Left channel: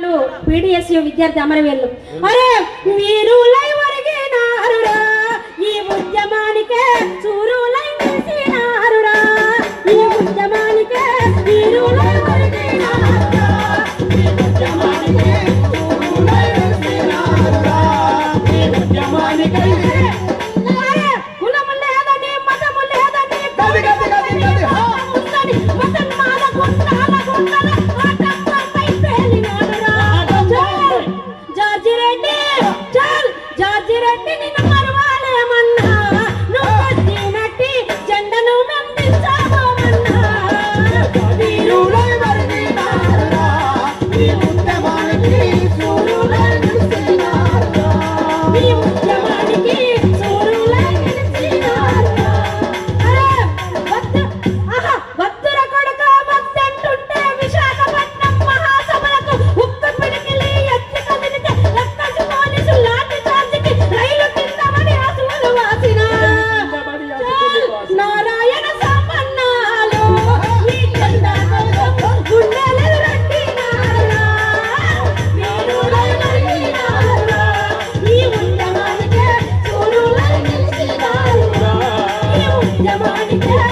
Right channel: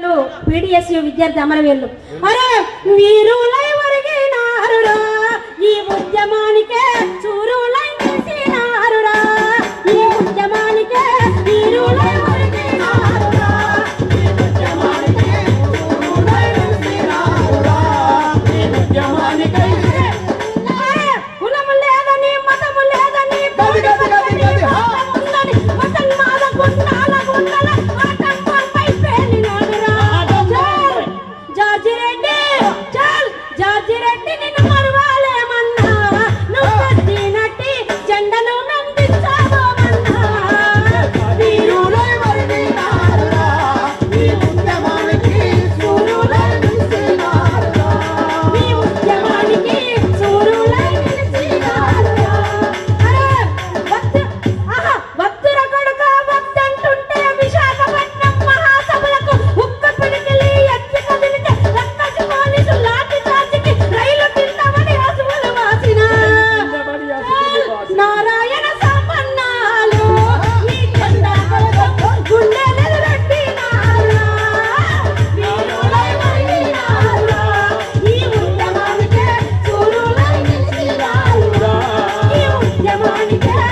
PDSU విద్యార్థి అమరవీరులు అరే వీరులై ఒరిగినారురా ఈ ఉద్యమానికే చూరులై నిలిచినారురా ఈ ఉద్యమానికే వీరులై ఒరిగినారురా ఈ ఉద్యమానికే చూరులై నిలిచినారురా ఈ ఉద్యమానికే కులం లేదని మతము లేదని Come on,